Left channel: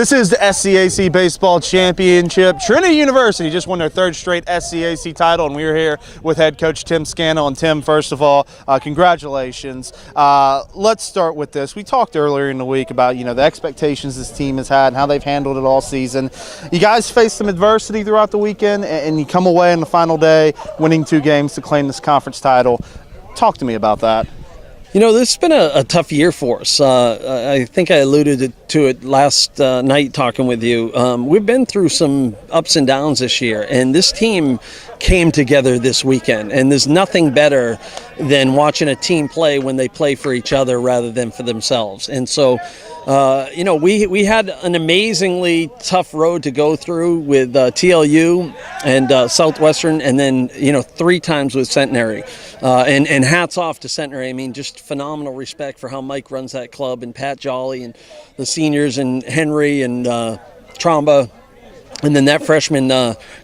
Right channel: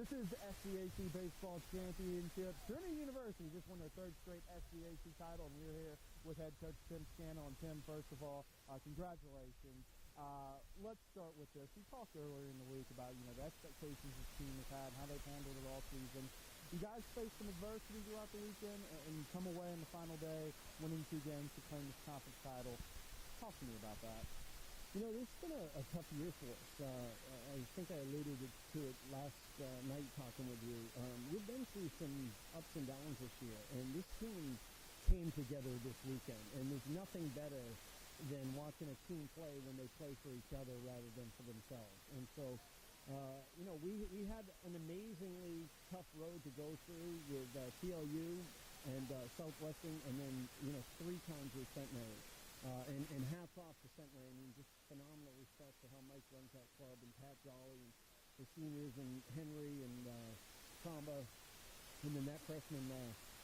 This is the SCAC Baseball Championship. Trinity University just won their third straight SCAC title, and we're here with head coach Tim Scannell. And Tim, first of all, congratulations. Let's start with this. We talked earlier in the week about, the expectations this team has had and how they've handled it all season. You guys faced some adversity throughout the weekend, and you come away on the final day winning 2 games to claim this conference title. Talk to me about that. This has been a tough year for us. I think I alluded to it last night talking with you. We've been through some ups and downs this year, and this team came together this weekend. And there's nothing better than watching a team play when they play for each other rather than for themselves. And so, we had an amazingly tough road to go through with TLU and Southwestern, and then 3 times with Centenary. And hats off to Centenary. I mean, just phenomenal respect for how Mike runs that club, and Pat Jolly and the seniors and Henry and Tromba. And then that freshman,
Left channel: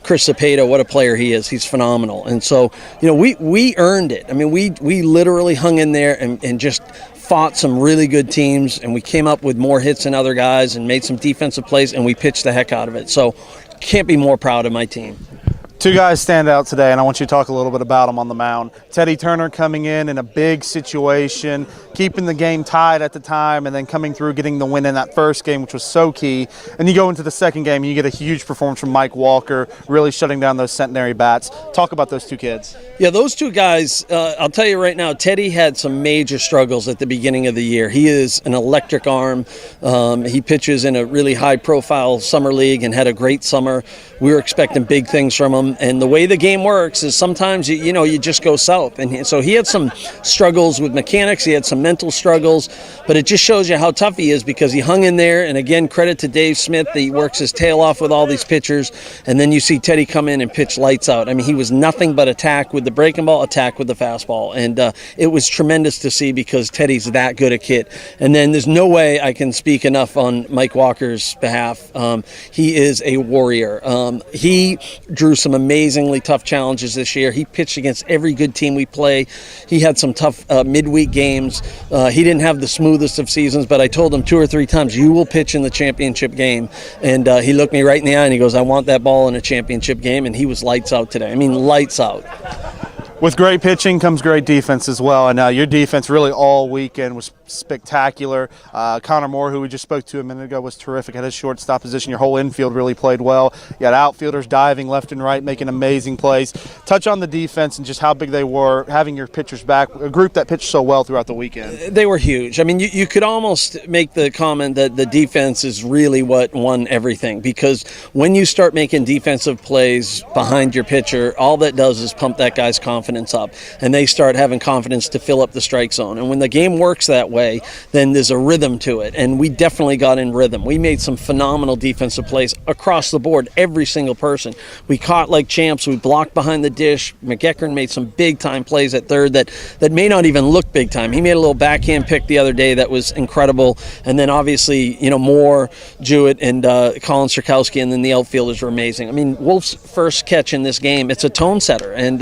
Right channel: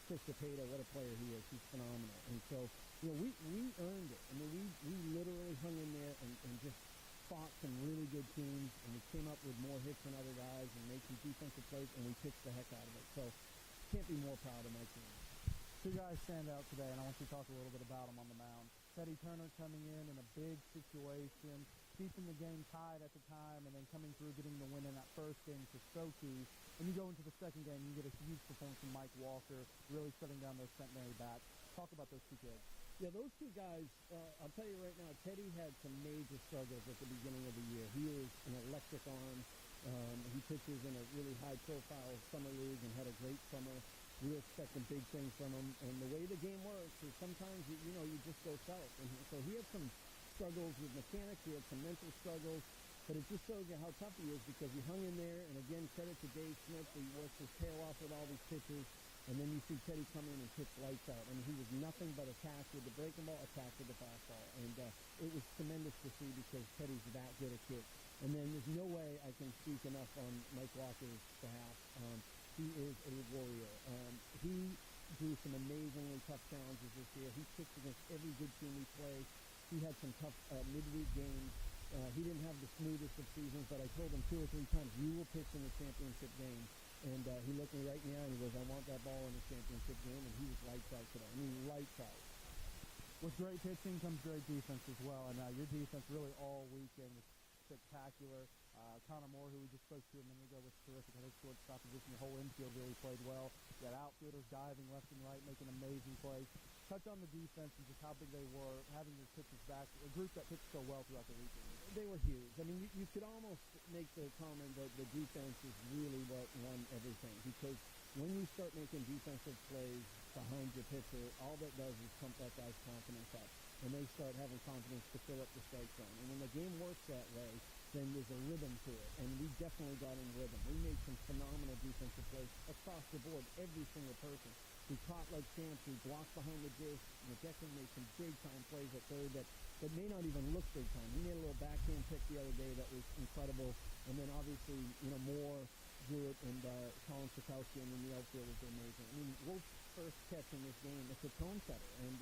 Chris Cepeda, what a player he is. He's phenomenal. And so, we earned it. I mean, we literally hung in there and just fought some really good teams, and we came up with more hits than other guys and made some defensive plays, and we pitched the heck out of it. So can't be more proud of my team. 2 guys stand out today, and I want you to talk a little bit about them on the mound. Teddy Turner coming in a big situation, keeping the game tied at the time, and then coming through getting the win in that first game, which was so key. And you go into the second game, and you get a huge performance from Mike Walker, really shutting down those Centenary bats. Talk about those 2 kids. Yeah, those 2 guys, I'll tell you right now, Teddy had some major struggles at the beginning of the year. He is an electric arm. He pitches in a really high-profile summer league and had a great summer. We were expecting big things from him. And the way the game works is sometimes, you just go south. And so he had some struggles with mechanics. He had some mental struggles. But it just shows you how tough he is because he hung in there. And, again, credit to Dave Smith that he works his tail off with all these pitchers. And then you see Teddy come in and pitch lights out. I mean, he was nothing but attack with the breaking ball, attack with the fastball. And it was tremendous to see because Teddy's that good a kid. And then there's no way I can speak enough on Mike Walker's behalf. He is a warrior. He drew some amazingly tough challenges this year. He pitched against every good team we play. He had some tough midweek games. He didn't have the smoothest of seasons, but I told him 2 or 3 times, you will pitch in the championship game. And he looked me right in the eye and he goes, I want that ball in a championship game. And he was lights out today. I mean, lights out. With great pitching comes great defense as well, and your defense really all weekend was spectacular. Connor Moore, who we just spoke to a minute ago, was terrific at his shortstop position. Your whole infield really played well. You had outfielders diving left and right, making amazing plays. Touch on the defense and just how big they were, having your pitchers back, a group that pitched so well throughout the weekend. They were huge. I mean, you could almost make the comment that the defense is really what won everything, because when you start making defensive plays behind your pitcher, all that does is pump that guy's confidence up, and they start having confidence to fill up the strike zone. And when the game works that way, then there's a rhythm to it, and we definitely got in rhythm. We made some phenomenal defensive plays across the board, every single person. We caught like champs. We blocked behind the dish. McEachern made some big-time plays at third that may not even look big-time. He made a little backhand pick the other day that was incredible, and then obviously, Moore, Jewett, and Colin Sirkowski, and then the outfielders were amazing. I mean, Wolf's first catch in this game, it's a tone setter, and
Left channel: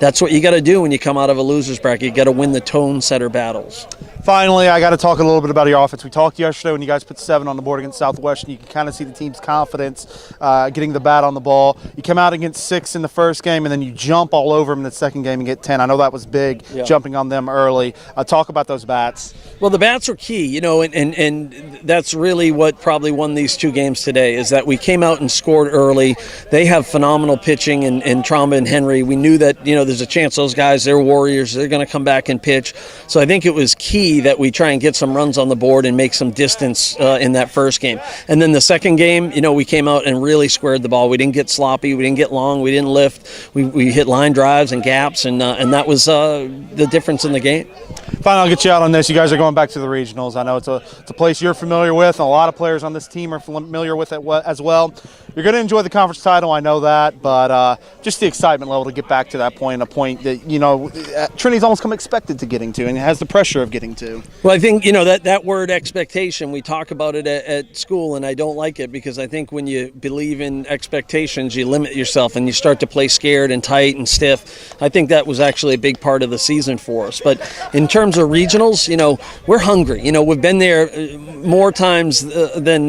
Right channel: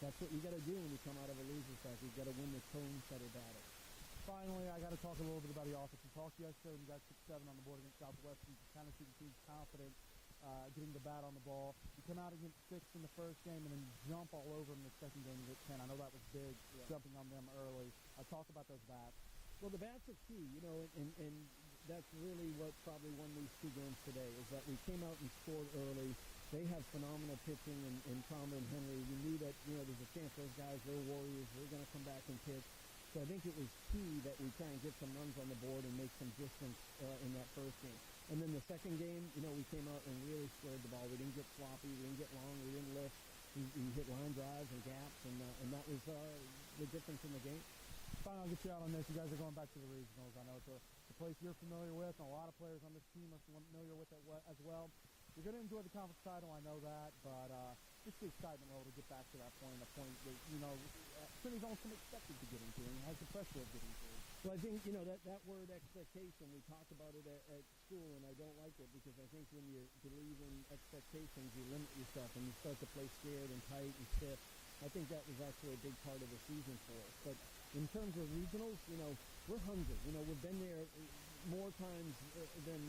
that's what you got to do when you come out of a loser's bracket. You got to win the tone setter battles. Finally, I got to talk a little bit about your offense. We talked yesterday when you guys put 7 on the board against Southwestern. You can kind of see the team's confidence getting the bat on the ball. You come out against 6 in the first game, and then you jump all over them in the second game and get 10. I know that was big, jumping on them early. Talk about those bats. Well, the bats were key, and that's really what probably won these 2 games today, is that we came out and scored early. They have phenomenal pitching in Tromba and Henry. We knew that, there's a chance those guys, they're warriors. They're going to come back and pitch. So I think it was key that we try and get some runs on the board and make some distance in that first game. And then the second game, we came out and really squared the ball. We didn't get sloppy. We didn't get long. We didn't lift. We hit line drives and gaps, and that was the difference in the game. Finally, I'll get you out on this. You guys are going back to the regionals. I know it's a place you're familiar with, and a lot of players on this team are familiar with it as well. You're going to enjoy the conference title, I know that, but just the excitement level to get back to that point, a point that, you know, Trinity's almost come expected to getting to and has the pressure of getting to. Well, I think, you know, that word expectation, we talk about it at school, and I don't like it because I think when you believe in expectations, you limit yourself and you start to play scared and tight and stiff. I think that was actually a big part of the season for us. But in terms of regionals, you know, we're hungry. You know, we've been there more times than,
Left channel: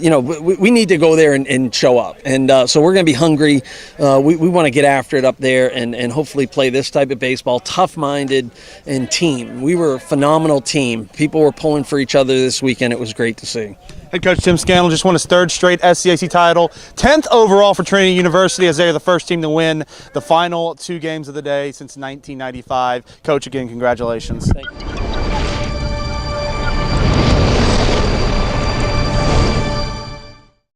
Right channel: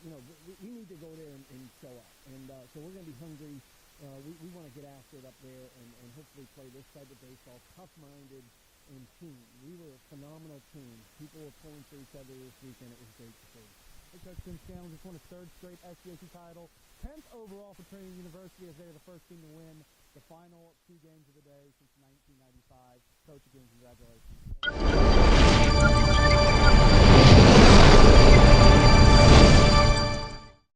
you know, we need to go there and show up. And so we're going to be hungry. We want to get after it up there and hopefully play this type of baseball, tough-minded and team. We were a phenomenal team. People were pulling for each other this weekend. It was great to see. Head coach Tim Scannell just won his third straight SCAC title, 10th overall for Trinity University, as they are the first team to win the final 2 games of the day since 1995. Coach, again, congratulations. Thank you.